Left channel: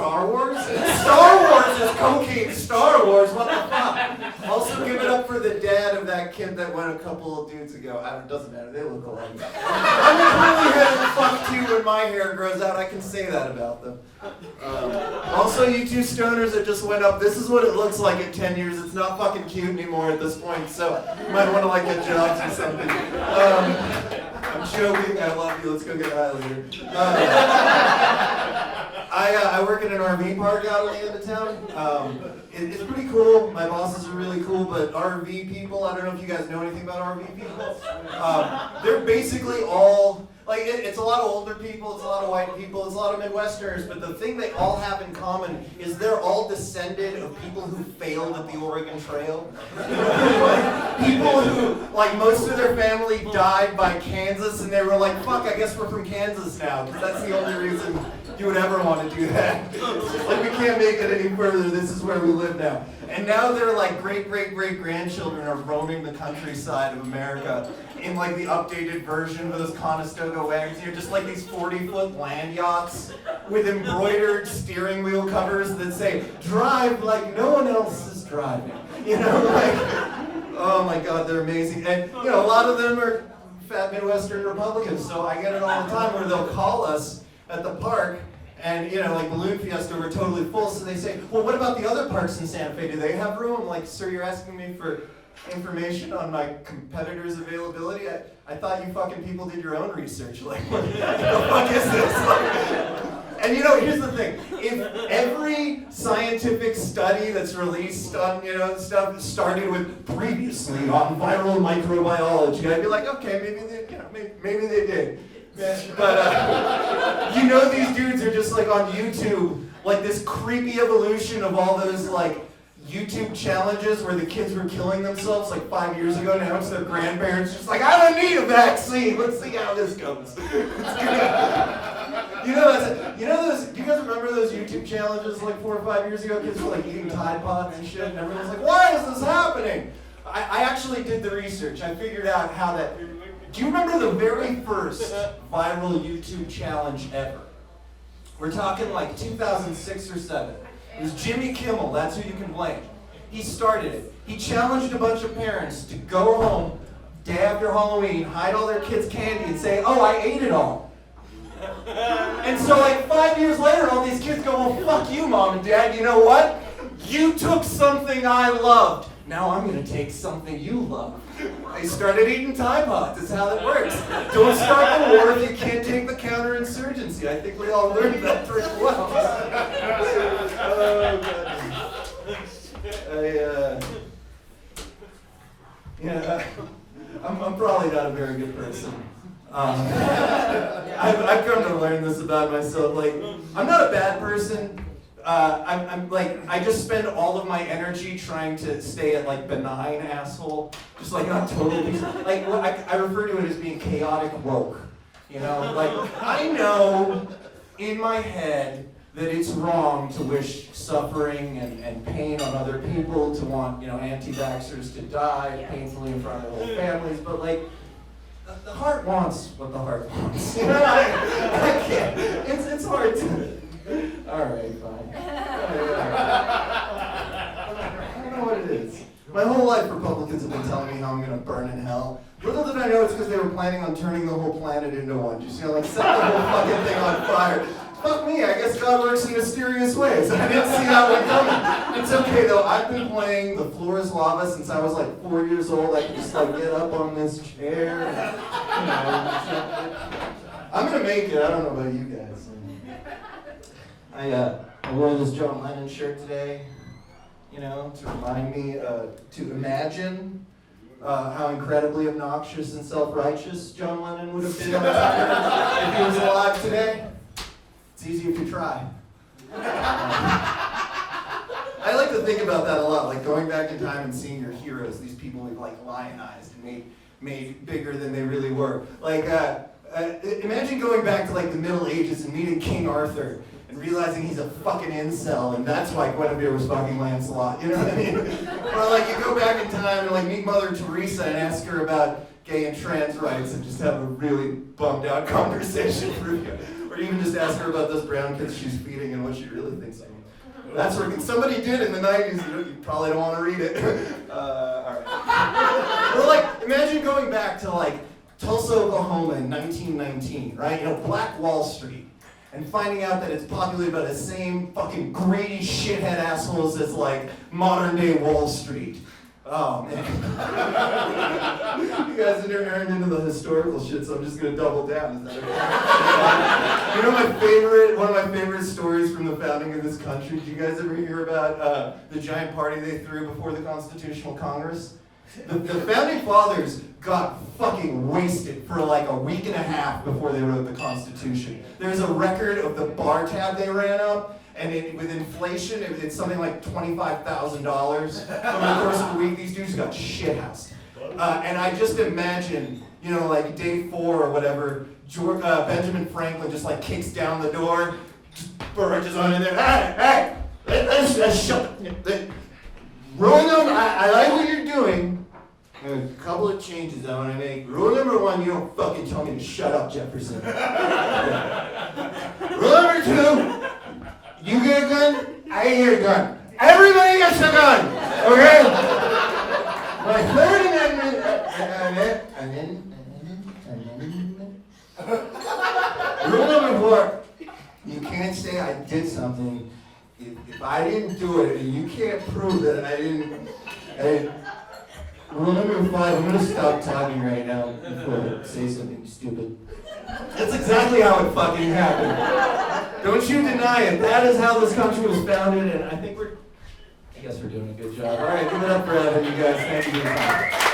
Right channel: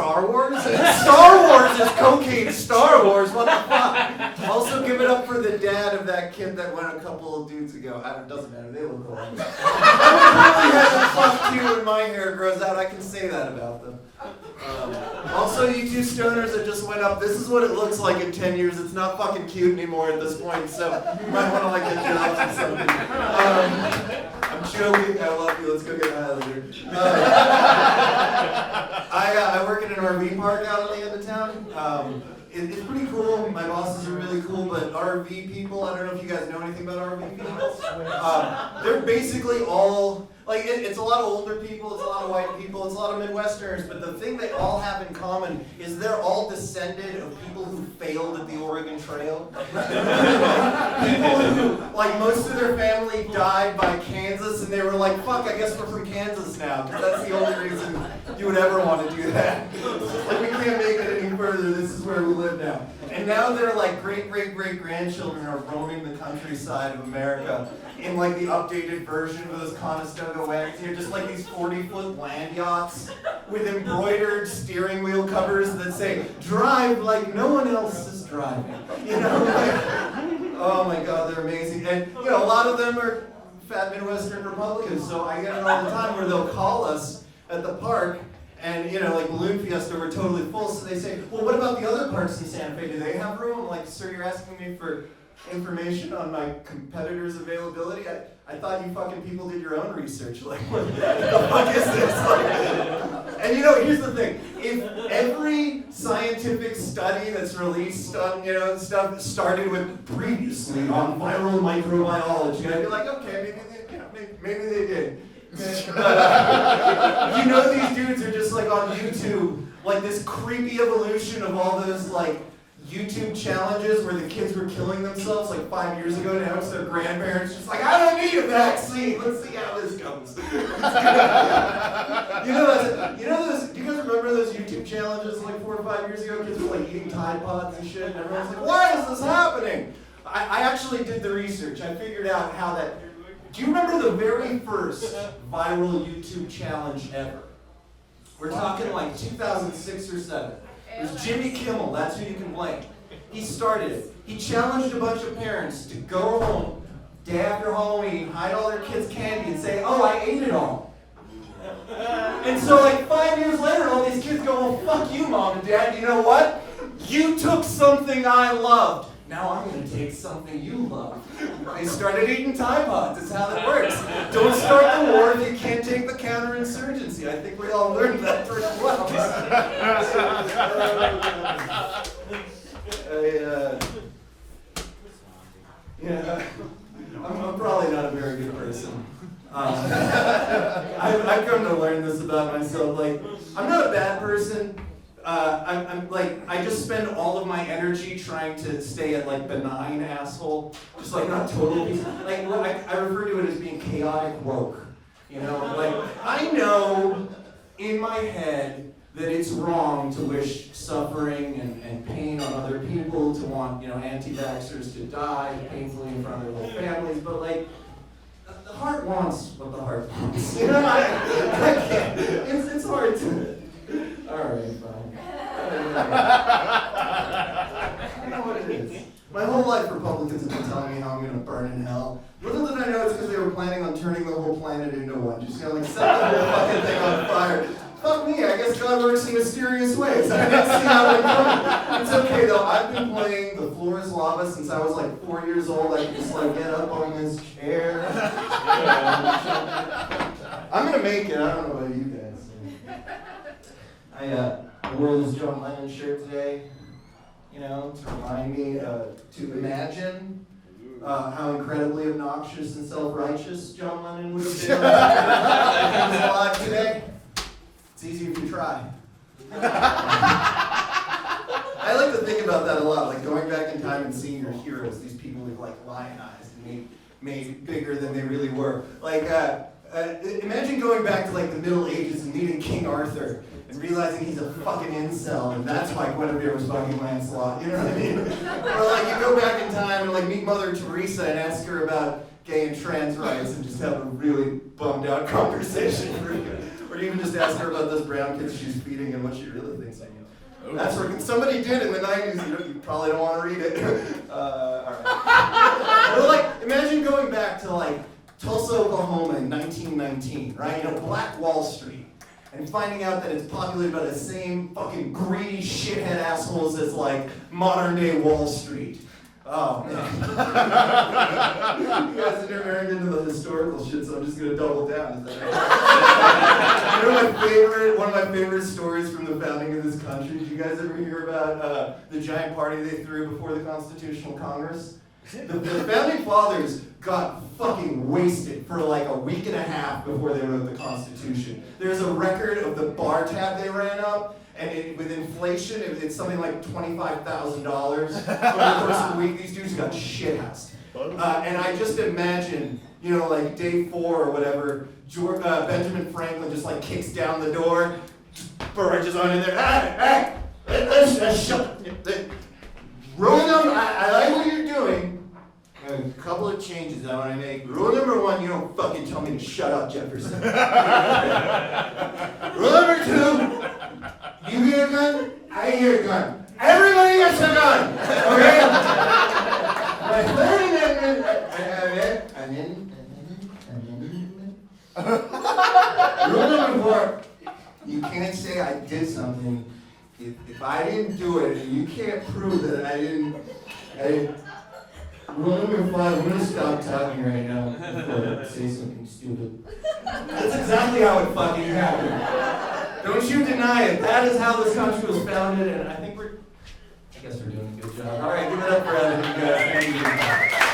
Star Wars? Star Wars is cocaine Star Wars, what the fuck? Also give it up for the dad of that kid that went a couple of dudes ago. It doesn't matter, they look alike. I would really have to fuck too when my hair grows out, I can say that about them. Also, you two stoners that just went up, this is what it looks like in 10 years. It's not fucking cute anymore at this point, so you might want to like get jobs or something. I'm joking, I love you, let's go get high later. I work in an RV park out on the end of town. It's pretty cool, my bosses are really cool, but RV people, I don't know if you guys know anything about RV people. They're basically all, like, it's a lot of older people, it's a lot of white people, it's a lot of Midwesterners, but the thing they all have in common is they're all descended of people who failed at the Oregon Trail. People who, like, most of their family died by Kansas, and they were like, fuck, I guess we're from Kansas now, because that's the only reason you would ever want to do that. Like, we can't make it any further, this is where we live now. And now they're like great-great-great-grandchildren are roaming the countryside of America in like the updated version of those Conestoga wagons. You're just like these 40-foot land yachts with embroidered steering wheel covers that say, drive like no one else is driving. You know, like, oh my God, they're amazing. And you know, a lot of them are fat Midwestern Republicans, so I get it all the time where they'll call us at the park. And, you know, like Balloon Fiesta, we're totally full, so they say, well, what about the other parks in Santa Fe? Do they have room? I'm like, sir, you're asking me for information on my competitors' availability? I thought you fucking people did your own research. Like, what the fuck is this? Like, and, you know, here's the thing. If every scientific study that's released on, you know, stuff started with previously on viral microbiology, I'd be like, okay, maybe they, you know, maybe they did. But you know, these dudes are just like on YouTube, like this creepy evolution of all those like YouTube challenges where the kids were killing themselves like 5 years ago. Now it's their grandparents just like, I don't need a vaccine. Let's see how this goes. You know those. Do you guys remember those YouTube challenges like 4 or 5 years ago? Kids were like eating Tide Pods and shit, and everyone's like, why is this happening? I actually did the research. I figured out how that. Do you remember the very first viral YouTube challenge ever? We're talking like 2006 or 7. It was Jimmy Kimmel, that's who you can blame. He started it. He challenged a bunch of parents to go home day after Halloween, hide all their kids' candy and say, oh, I ate it all. And so like 5 years later, all these kids go, well, fuck you, Mom and Dad, you know what? You took something I loved. Now I'm going to take something you love. I started eating Tide Pods. That's how that works. Don't start the war if you can't take the counterinsurgency. I think we all learned that pretty well. I'm probably not a very good person. I've come to learn this about myself. Like, I'm not a bad person. I just spend all of my energy trying to stay at like benign asshole, just like not total piece. Like I refer to it as being chaotic woke. You know, like I know in my head that it's wrong to wish suffering and pain on other people, to want, you know, anti-vaxxers to die painfully in front of their whole families, but like the heart wants what the heart wants. You know, I can't. It's hard to. All right, fine. I don't know what it is. My whole life, Republicans have been telling me how I'm going to burn in hell. Little did I know it's because they were planning on turning the whole planet into one. Just, you know, like set the whole fucking thing on fire. Fuck me, I guess God works in mysterious ways. I didn't see how it coming. It's okay though, I've been playing The Floor is Lava since I was like 4 years old. I could just like get up on this chair. You know, I'm going to make it, I don't know about you guys. I wore this John Lennon shirt today, you know, to remind me to imagine how incredibly obnoxious and self-righteous John Lennon would have been if he was alive today. It's easy if you try. I like to think about that a lot, like going back in time and seeing your heroes, these people we've like lionized and made bigger than they really were. Like, imagine going back to like the Middle Ages and meeting King Arthur and realizing he's a fucking incel and that's why Guinevere was fucking Lancelot, you know what I mean? Or like you go back in time and like meet Mother Teresa and ask her about gay and trans rights and just have a really bummed out conversation. Or Or even just ask her about those brown kids she's feeding and what she really thinks of them. That's working. Somebody did in the 90s. You probably don't want to read it. All right. Or like, imagine going back to like Tulsa, Oklahoma in 1919, right? You know, Black Wall Street. And finding out that it's populated by the same fucking greedy shithead assholes as like modern day Wall Street. Oh man. You guys are into the historical shit, so I'm just gonna double down. Is that right? You know one of my favorite stories from the founding of this country? Did you guys ever hear about the giant party they threw before the Constitutional Congress? The founding fathers got fucking wasted for like a week and a half before they wrote the Constitution. There's a record of the bar tab they ran up, and with inflation, it's something like $25,000 over the course of a week. These dudes got shithoused. And I just imagine, you know, like day 4 or whatever, Benjamin Franklin just like kicks down the door, just barges on in there. Hey, let's shut. Rule number, I like what you're doing. A couple of changes I want to make. Rule number 1, you don't fucking tell me to shut up, Jefferson. Rule number 2, you get a gun, I get a gun. Everybody gets a gun, okay? My third amendment, rule number 4, you can't say I did something if I didn't do it, and you can't prove that I didn't. Rule number 5, I'm going to stop talking right now before I say something stupid. That's exactly how it fucking happened. Don't you deny it. That is how this country was founded, and I guess we're doing a good job. All right, give it up for Evan, you guys. Thank you.